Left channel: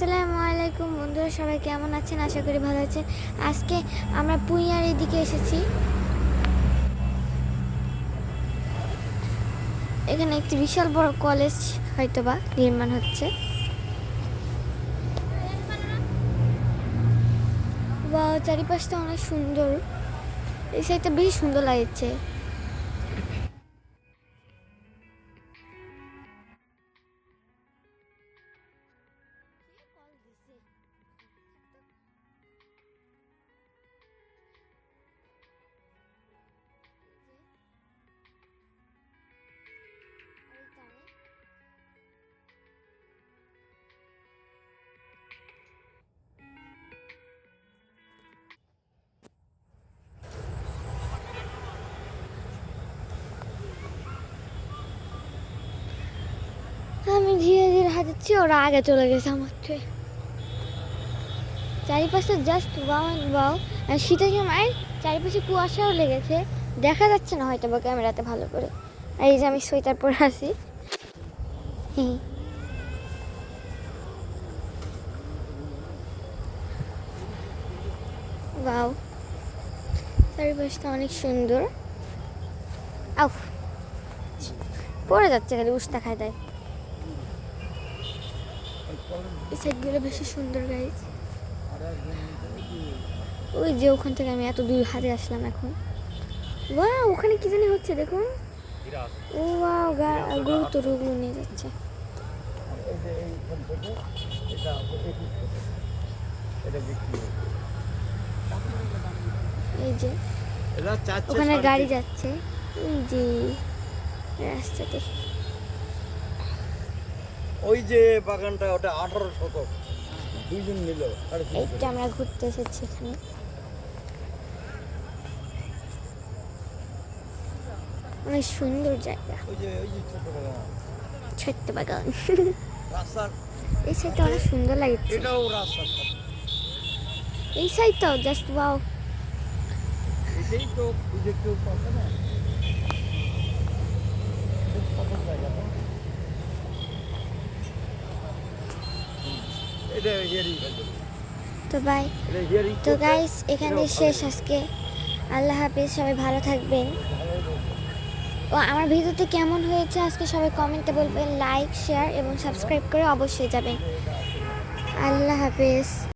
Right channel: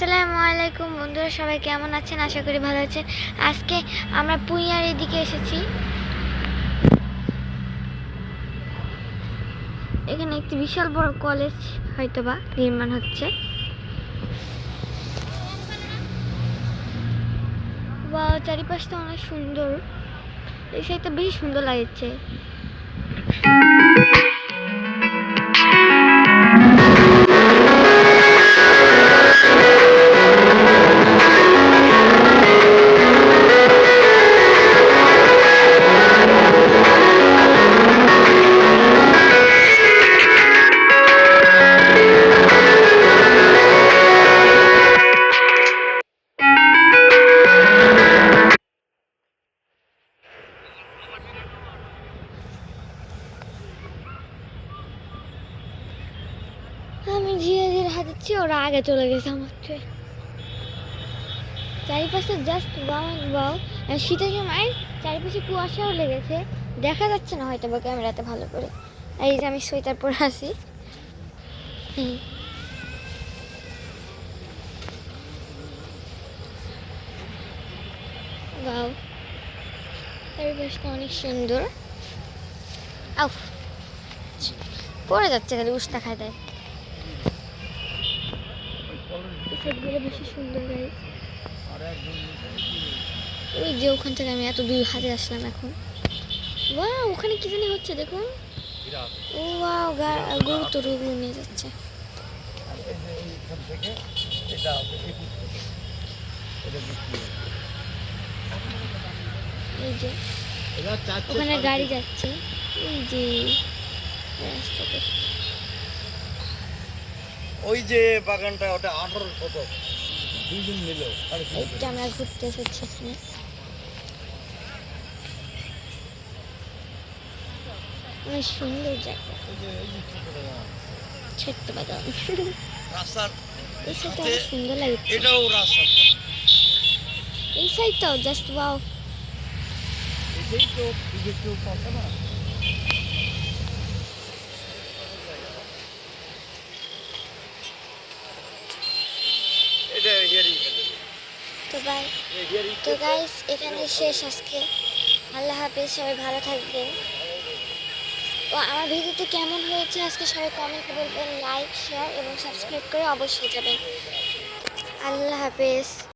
আসসালামু আলাইকুম বন্ধুরা, সবাই কেমন আছেন? আশা করি ভালো আছেন। আজকে আমরা পুইয়ার এদিকে এসেছি। এখানে একটি বিশাল বড় কলেজ হয়তোবা নির্মাণ হচ্ছে। বা চারিপাশটা অনেক সুন্দর, এই সাইডটা বেশি সুন্দর লাগছে। আমি ধীরে ধীরে হাঁটাচ্ছি, ওরা আগে চলে গেছে আমার থেকে। চারিপাশে জাস্ট ওয়াও। শীতের সময় চারিপাশে কুয়াশাও লেগেছে, দেখা যাচ্ছে না হয়তো বা ক্যামেরাতে ভালো করে। আর এই যে আমি সোয়েটার পরে আছি। ওয়াও, চারিপাশটা অনেক সুন্দর। আউ, পড়ে যাচ্ছে, খালি উস্তা খায় দেয়। এই সাইডগুলো বেশি সুন্দর গাইজ। ওই যে ওখান থেকে আমি এত দূর হাতে আসলাম এখন। ওয়াও, ওখানে কি জানি হচ্ছে দেখুন। ও ওয়াও, গরু তো ওগুলো নিয়ে যাচ্ছে। এই যে ওখানে গাড়ি যাচ্ছে, এই যে রাস্তাতে। ওই যে বাগানটা, ওটা 18 শতক, দুইজন মিলে। এইটা আমরা ঘুরতে এসেছি এখানে। অনেক সুন্দর জায়গা, ছোট্ট বাগান। এই সাইডটা অনেক সুন্দর লাগছে। এই সাইডটাও জাস্ট ওয়াও। এটাই তো কেউ পাবে না। তো গাইস এখানে শেষ আজকে। আল্লাহ হাফেজ, সবাই ভালো থাকবেন। ও আমার ভিডিওতে কেমন হয়েছে আজকে সবাই কমেন্টে বলবেন, লাইক শেয়ার এবং সাবস্ক্রাইব করে অবশ্যই যাবেন। আল্লাহ হাফেজ।